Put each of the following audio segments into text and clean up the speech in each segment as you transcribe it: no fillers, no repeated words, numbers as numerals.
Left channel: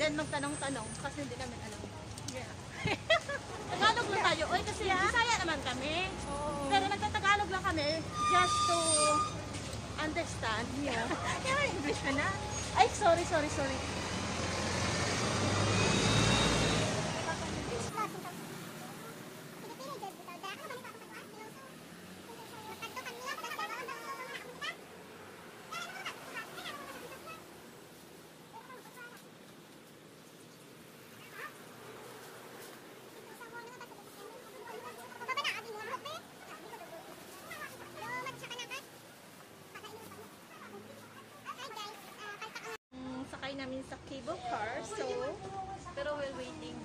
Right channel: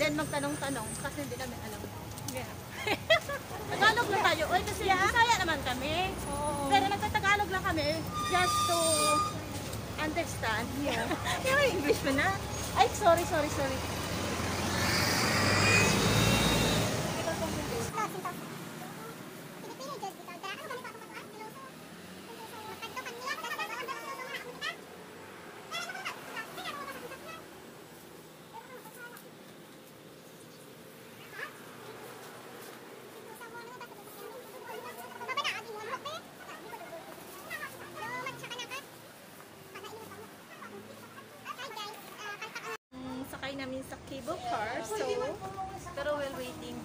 Then magtanong-tanong kasi hindi kami alam. Tagalog lang tayo. Oy, kasi Bisaya naman kami. Pero nagtatagalog lang kami just to understand. Yung English mo na? Ay, sorry. Sakay namin sa cable car. So, pero we're waiting.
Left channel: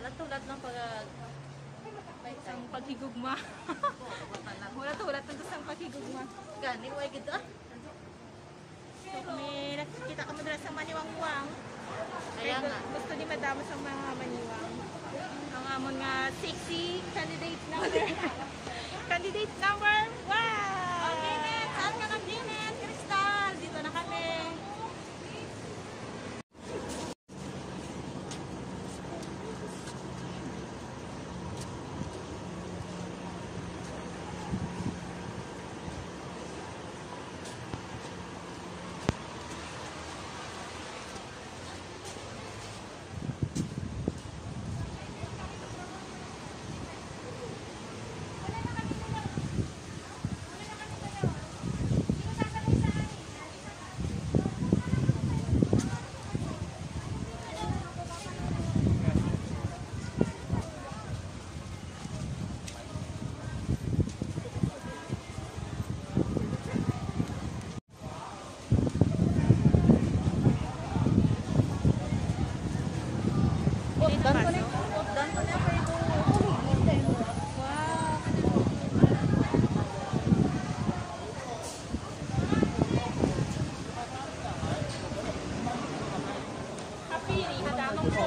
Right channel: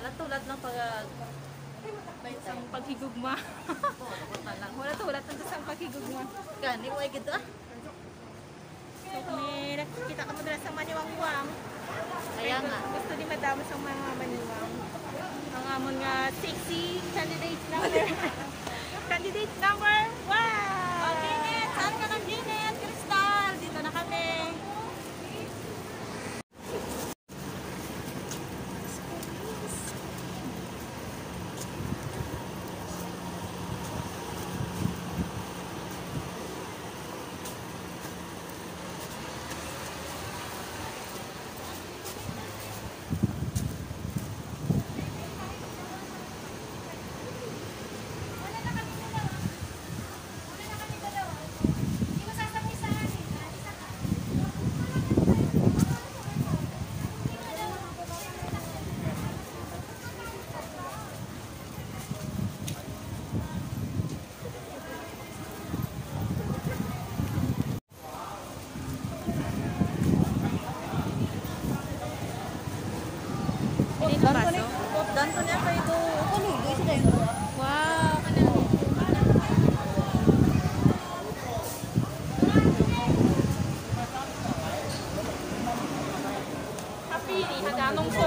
Ulat-ulat ng may isang paghigugma. Ulat-ulat ng isang paghigugma. Gani, why gito? So, may nakikita ka mo na sa maniwang-wang. Kaya nga. Gusto ni madamos ang mga maniwang. Ang amon nga sexy candidate number. Candidate number 1! Okay, saan ka ng Janet? Crystal! Dito na kami. Danto na kayo do. Wow. Happy ni haganong po.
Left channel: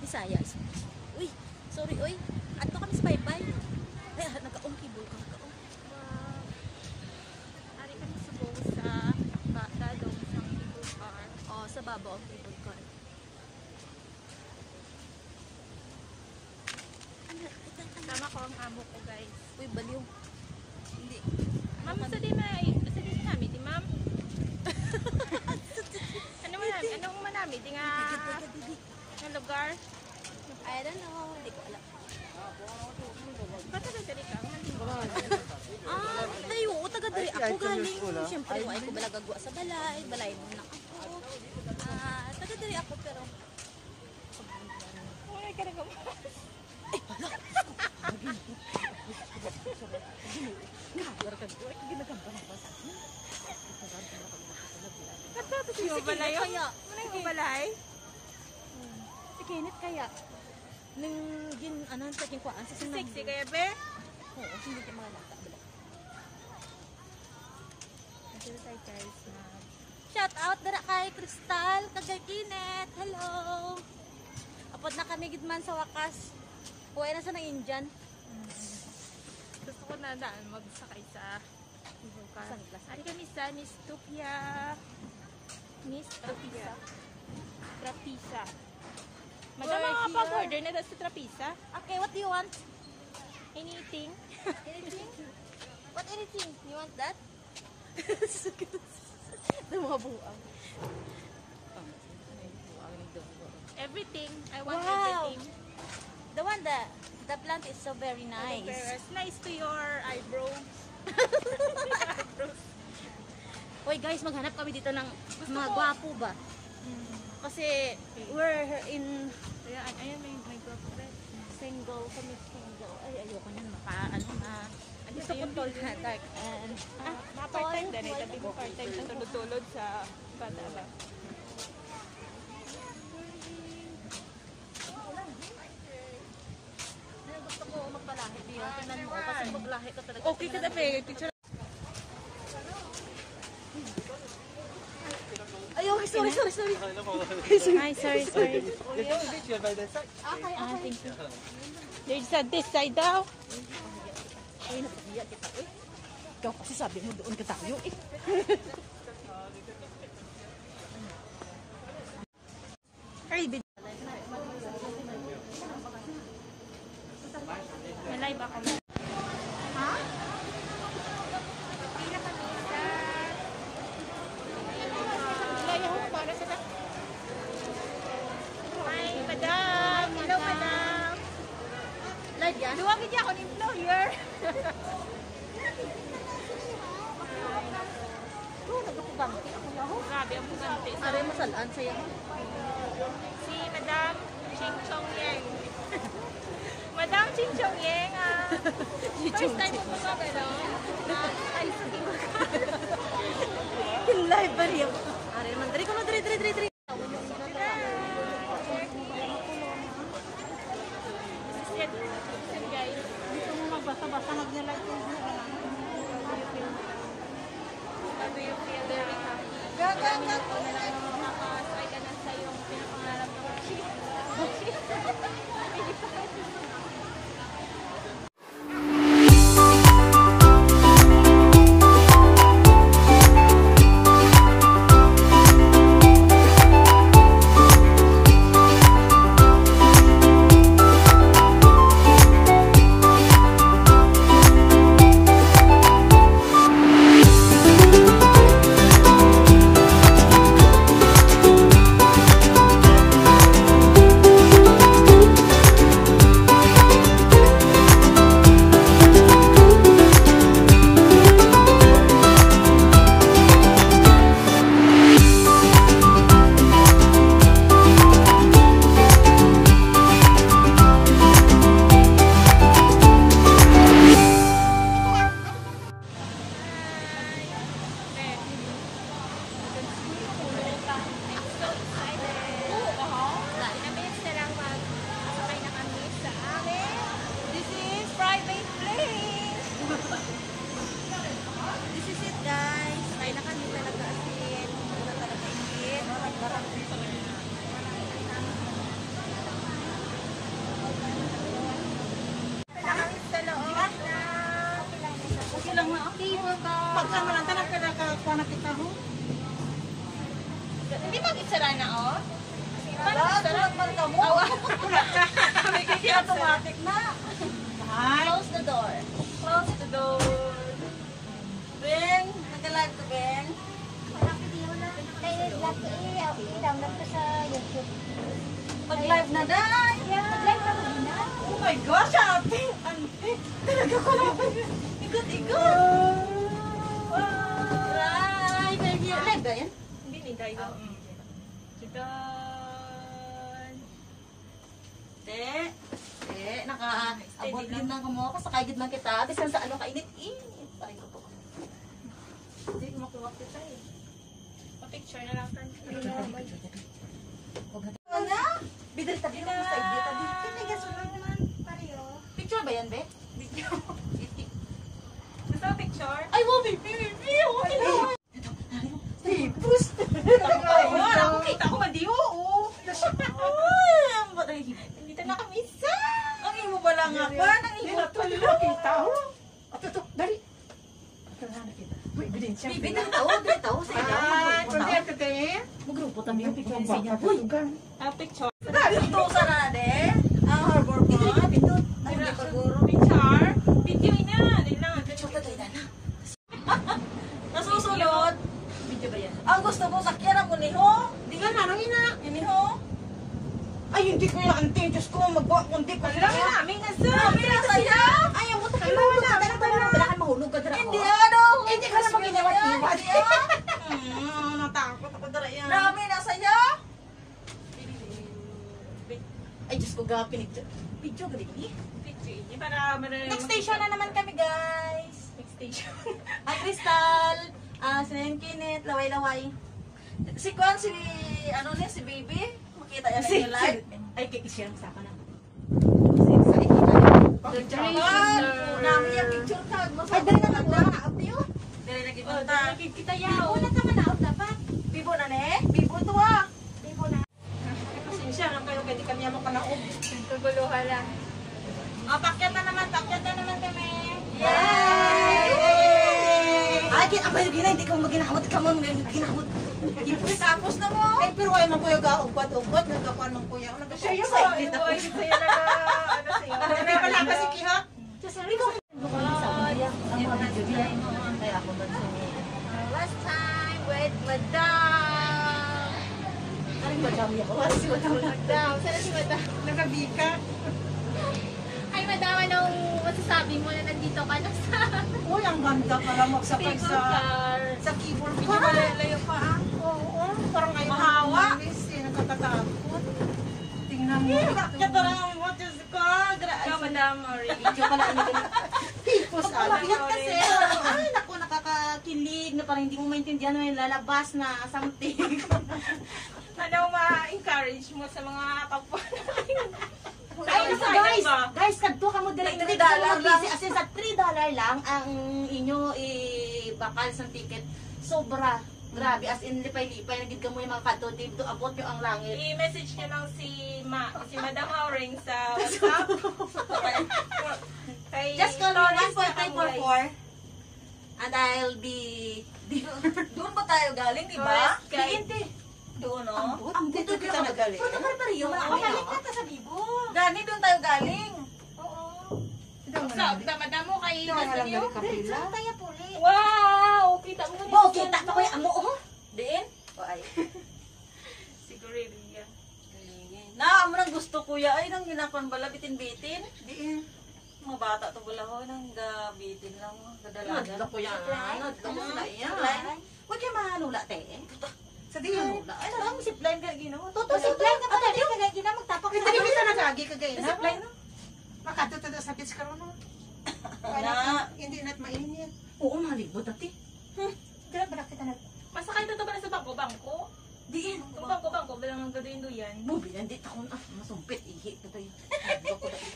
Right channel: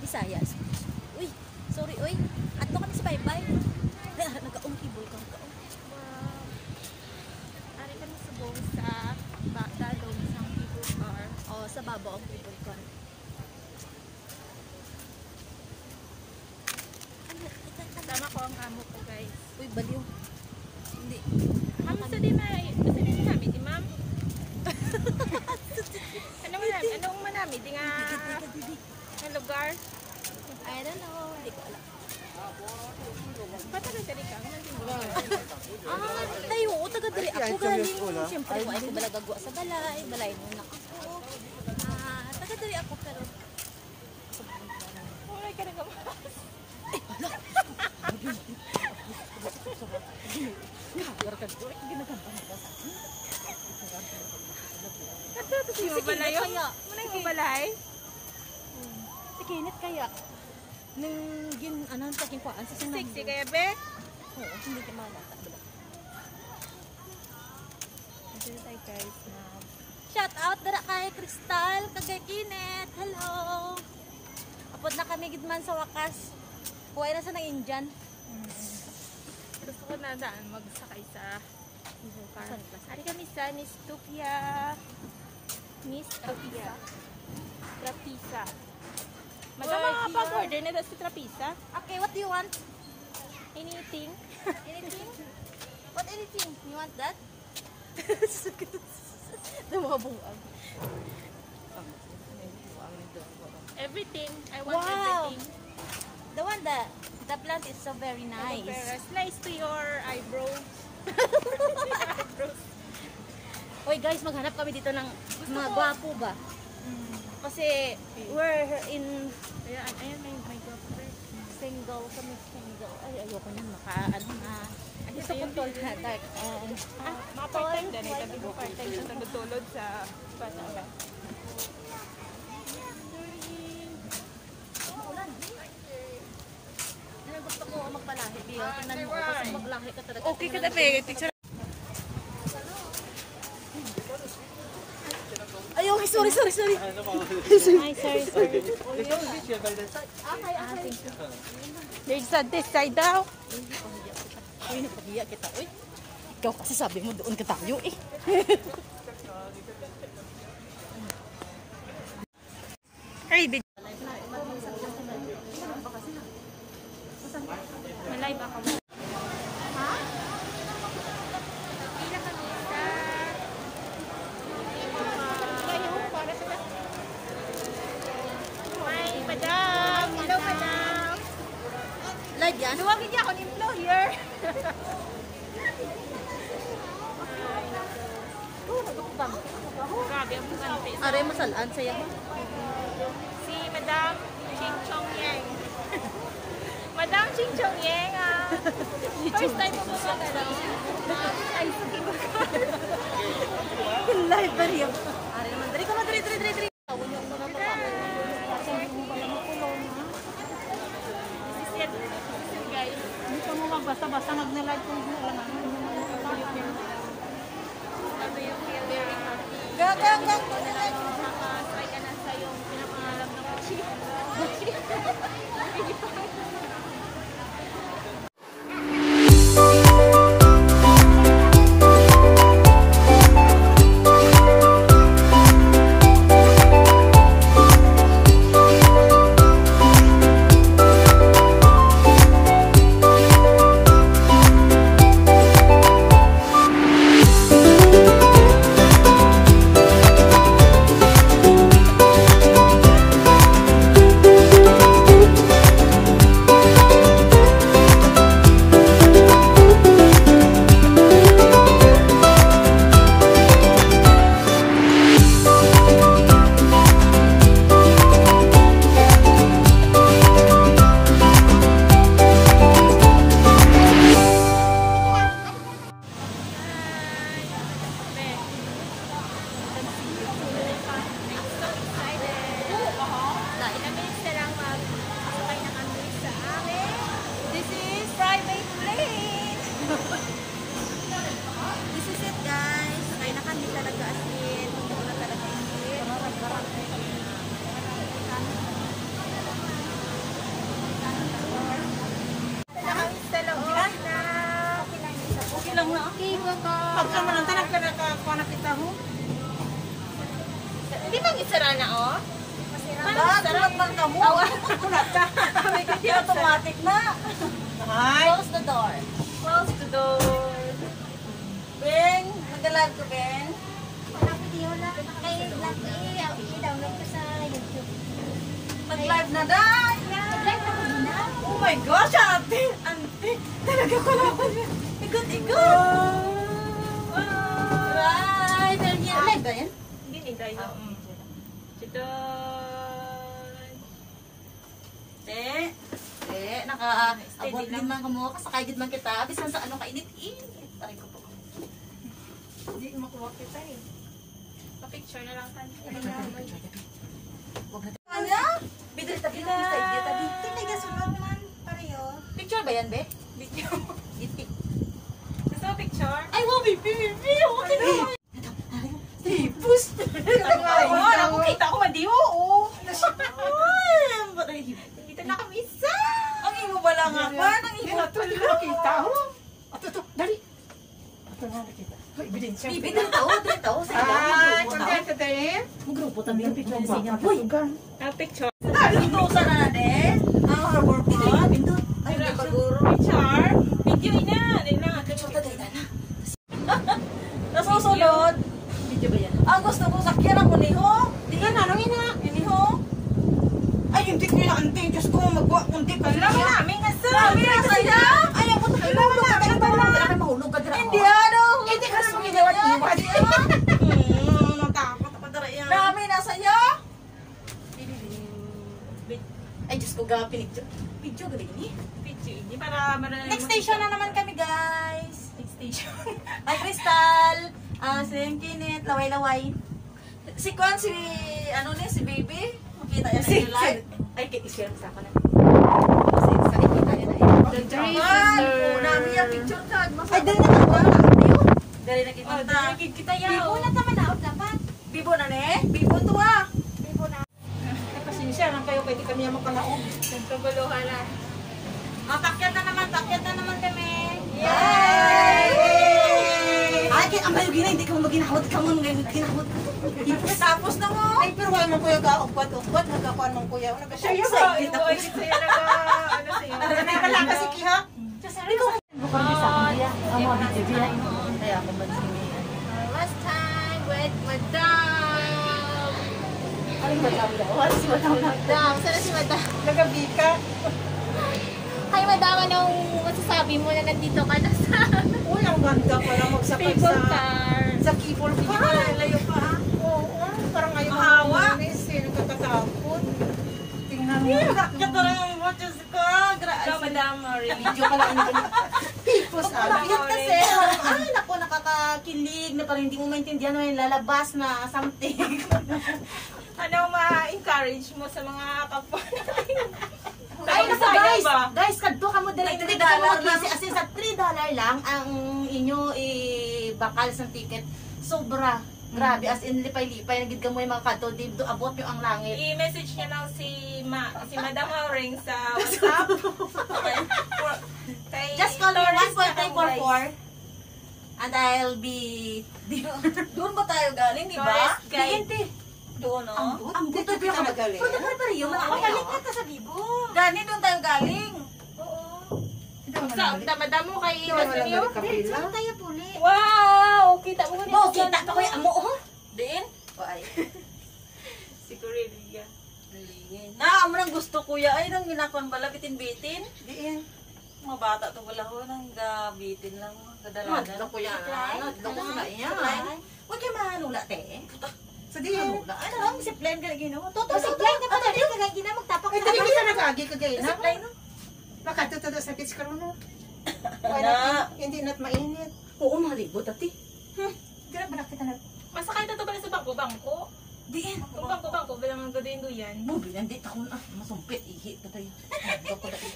Visayas. Uy, sorry, uy. Ato ka sa bye-bye. Nagka-ungkibol ka. Ari kami subong sa bata, isang cable car. O, sa babaw ang cable car. Kasama ko ang amo ko, guys. Uy, baliw. Hindi. Ma'am, masalin namin, di ma'am? Anong manami? Di nga ang lugar? I don't know. Hindi ko alam. Ba't taga-tali ka? Tayo. Taga-tali ako. Siyempre, ay ko malagagwa sa balay. Balay muna ako. Taga-tali ako, pero wala ka nagamas. Ay, wala. Balay kaya? Muna yung balay? Si Kenneth kaya? Nung sa aking kuhaan sa sunod. Sexy kaya, be? Oo, hindi ka malata. Nandiyo na tayo, guys, na shout out dara kay Crystal, kay Kenneth. Hello! Apod na kami gidman sa wakas. Kuhay na sa ng Indian. Gusto ko na daan magsakay sa Ari kami sa Miss Tupia. Miss Tupia. Nakapag-order na si Trapisa. Okay, what do you want? Anything. Anything? What anything? You want that? The mga bungang. Everything. I want Wow! everything. The one the plant is so very nice. Pero nice to your eyebrows. Oy guys, maghanap kami dito ng mga gwapo ba? Kasi we're in Ayan, may girlfriend. single kami, single. Ay, ayoko na gusto ko tall na dark and Mga part-time din. Ito ko part-time sa tulod sa Panala. gusto ko magpalahi din. Tingnan mo kasi maglahi ka talaga. Okay ka na, Peg. Teacher. Ayun, sorry. Ay, sorry. There's a this side daw. Uy, napagiya kita. Uy, ikaw kasi sabi mo doon ka tayo eh. Hey, may live ako. Live yan? Luwagin niya ako ng employer. Grabe ang pugante. Are, masalaan sa'yo. Si Madam Ching Chong Yang. Madam Ching Chong Yang. First time mo ba ano? Ay, Live ba rin? Are, naman. Dali ka mo, dali. guys. Hindi ka mo basta-basta nag-live kung ano. Gang. Makasay ka na sa iyong pinapangarap na Gucci. Hindi bang isara na, oh? Sulat man ka mo. Kulat ka. Automatic na. Close the door. Close the door. Ben, nagalag ko, Ben. Mag-live na dad. Oh my gosh, ate. Ante. Talaga ko naman. Ikot-ikot. Ay, talaga. Live ba yan? Hindi ni tayo. Naka-abot din man kamo kasakay gid man kita bisan sa ano kainit-init. Tayo ko po. Hindi ko makuha kita eh. Pa-picture na lang kan. Wag na. Ano? Bidri tabi na sa iyo tabi. Tinigas lang naman pareho. Picture ba yan, be? Video. Gusto mo picture? Ay, wow, baby. Ito. Push. Ako kita ko madiwo. Ay, ang patay. Dito na kami isa. Ang imo bala nga pa nang Hindi imo. na to nakita ho. Ito, dali. Ito na nakita. Hoy, ebidensya. Bibi na tao, sa Ah, iyo. kunti ito din. Magrupo putan din picture sa inyo. Uy, Picture. Tusa na din. Ang harbor ko. Ay, hindi paguro. Picture. Video ina. Nila. Nasusunod. Video ba yan? Ang gusto ko sakyan ang uniho. Di yan. Ano ina? Uniho. Ay, hindi ko yung ante. Diyos ko, magwa. Hindi ko Wala mo namin nga sa. Sabi na sa'yo. Ayaw mo tayo. Wala kayo mahulog ka dira. Hindi ano. Hindi ka naman ginawat-iwat. Natakot ako dara yan. Dami na sa'yo. Ay, Diyos ko, gapin. Video galing ni. Video ini. Para marami. Next station na naman kami, guys. Next station. Ay, Crystal. Si Kinet, laway-laway. Si Kwan, si, ano niya, si Baby. Makita niya na yung live. Ay, i-share sa akin na. Kwan, nami yung picture card. Ay, dali na ka. Dali na kita. Kita yan. Bibo na naman na, dapat. Bibo na ne? Bibo to ah. Bibo na. Ay, pasensya lang kayo, pwede kami yung makalaog. Nagkaguluhan na. Takyat na naman kami. Yay! Ay, ang bayo gina, hindi ka mo maginahawat ka mo. Ginahawat. Tapos na mo. Ay, pero wala man kuya ka-ugbat, nagkakuan mong kuya. Excited ako. Sa'yo na. Hindi pala kasi kiha. Last time with Madam. Madam. Sana si Madam. Nagabika. Hi Madam, anong masasabi mo na nandito ka na sa Ulang ganda para magsakay People sa Car? keyboard. Hindi mo na layo pa. Oo, parang ayaw Mahawa. umalis eh, nakakatakot. Tingnan mo. Takyat na lang mo, Diyos ko. Ikaw Madam, Video ka lang. Tipos, anak. Bakit kasi? Ay, naku, nakakakilig na parang hindi mo maintindihan na yung lalabas na something. ano ma-encourage mo sa mga kapwa natin? Ay, sayang ba? guys, kadto ka mo direct. $3 Hindi ka mo lang. as in sa $3 lang ang inyo bakal sa ticket. Sobra. Grabe, as in lipay-lipay. Nagid ka mo yung mga kadto. Dito abot yung ang langit. I-message niya lang si Madam Auring sa WhatsApp. Kay Just call me Lawrence tsaka 1.344 and I'll be... Doon ba tayo galing, di ba? Tourist guide. Hindi. Doon, no? Ang buto Dito ka nagaling. Pero yun. Kapalik na ta sa Bibo. Gani, doon tayo galing. Sa madam mo kay Lawrence niyo? Saan tayo puli? Wow! Kita mo Oh, kita pa ko yung amo. Oh. Diin? Ay. Siguro Liga. Na, amo nang gusto kuya. Ay, nang ginakon bala, bitin-bitin. Diin. Mga bata to bala ho, nang gabitin lang. Gadalangan. Madla po yan. Madla yan. Huwag kayo mahanula, te. Sa diin. Hanula. Ano ang zipline ka ginawa? Toto, Zipline zipline ka pa. Ano, Dali ka gagina magtapak Ay, sa dali kita nag-agi ka gaya na. Zipline, no? Makatuto sa pitch karon no. Na. Hindi na't mainit. Oo, malibot, ate. Dira ba nakita na? Masakay na to pala sa bangko-bangko. Diin. Bangko-bangko, bilang ang gado yan. Bubi, nandito ako na. Masumpit, ihi. Patay.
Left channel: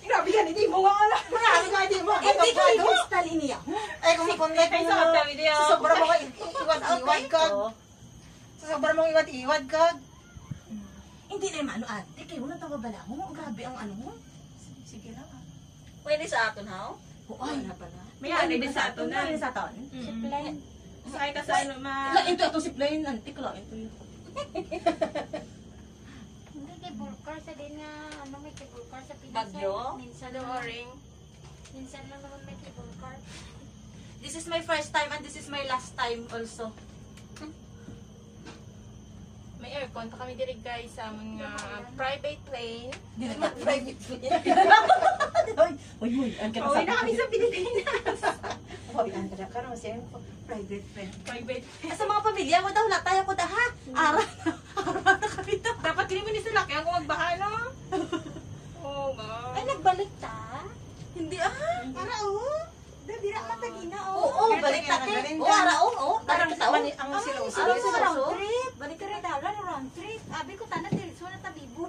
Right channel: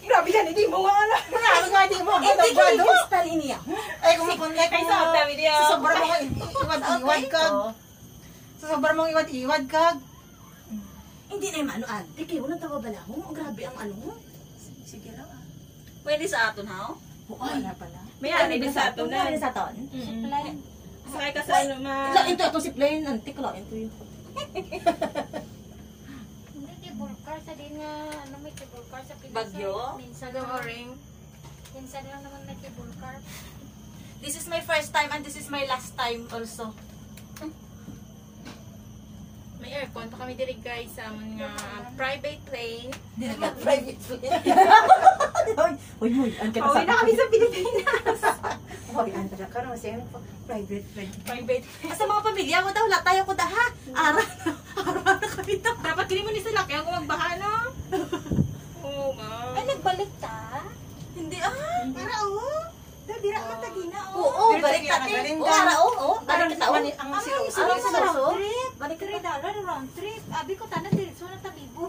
Grabe yan, hindi mo nga alam. Grabe nga, hindi mo. Hindi ka Ano? kristal niya. Ay, kung makunay Kay ko sa na. video. Sa sobrang mga iwad-iwad ka. Oo. Sa sobrang mga iwad-iwad ka. Hindi na yung ano, ate. Kaya wala tawa bala mo. Grabe ang ano mo. Sige lang ah. Pwede sa aton, ha? Ay, na pala. May ani din sa ato na. May sa aton. Masakay ka sa ano Ilang ito si Plain. Antik lang ito yun. Hindi cable car, sabihin nga, ano may cable car sa Pinas. Bagyo? Minsan Yung lang, Auring. minsan lang naman may cable car. This is my first time and this is my last time also. May aircon pa kami diri guys sa amon nga private plane. Hindi na Private plane. Uy, ang kita Pauwi na kami sa Pilipinas. Hoy, ang tara ka naman siya. Private plane. Private. Sa mga pamilya ko daw, latay ako da ha. Ara na kami daw. Dapat kini mo ni sila kaya kung magbaha no. Oo nga. Ay, nagbalik ta? Hindi ah. Para o? Dira ka ta gina o? Oo, Pero balik talaga natin. nagaling Oo, ka. ara oo. Parang Balik taon. ang silos. Ano sa round round trip? Balik ka rin dala ni round trip. Abi ko tanag diretso na tabibo.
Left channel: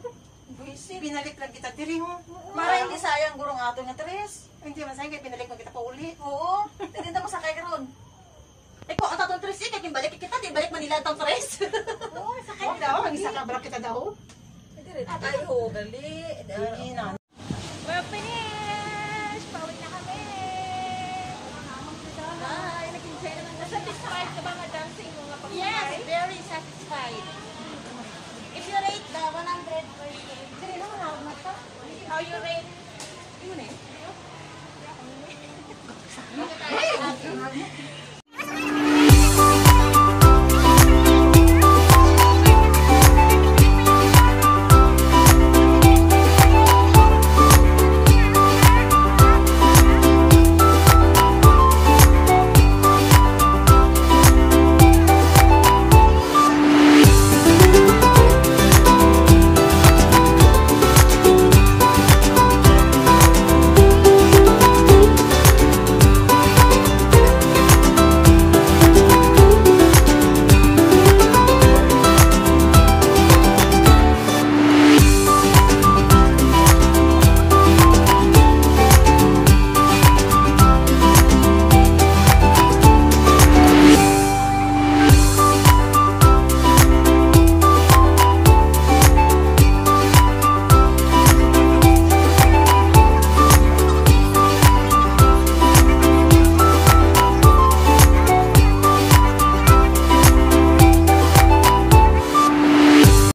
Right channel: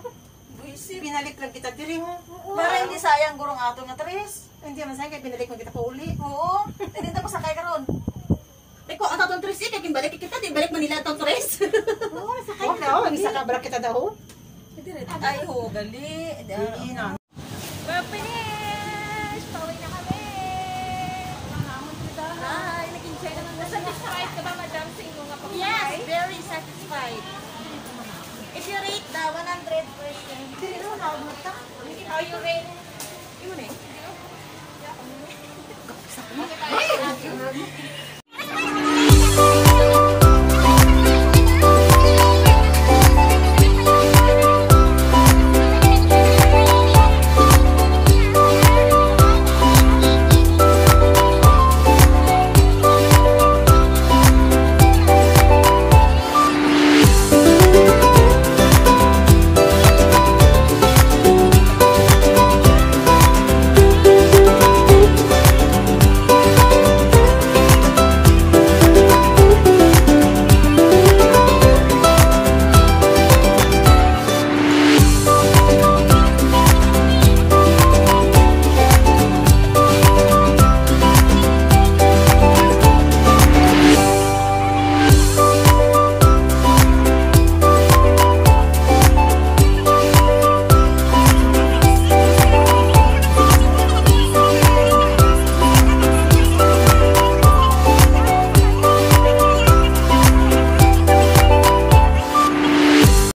Buisit. Binalik lang kita diri mo. Para hindi sayang gurong ato nga tres. Hindi man sayang kaya binalik mo kita pa uli. Oo. Hindi na mo sakay karon. Eko, ang tatong tres kay balik kita, di balik Manila tong tres. Oo, nasakay Huwag daw, ang isa ka bala kita daw. Ay, ho, gali. Hindi na.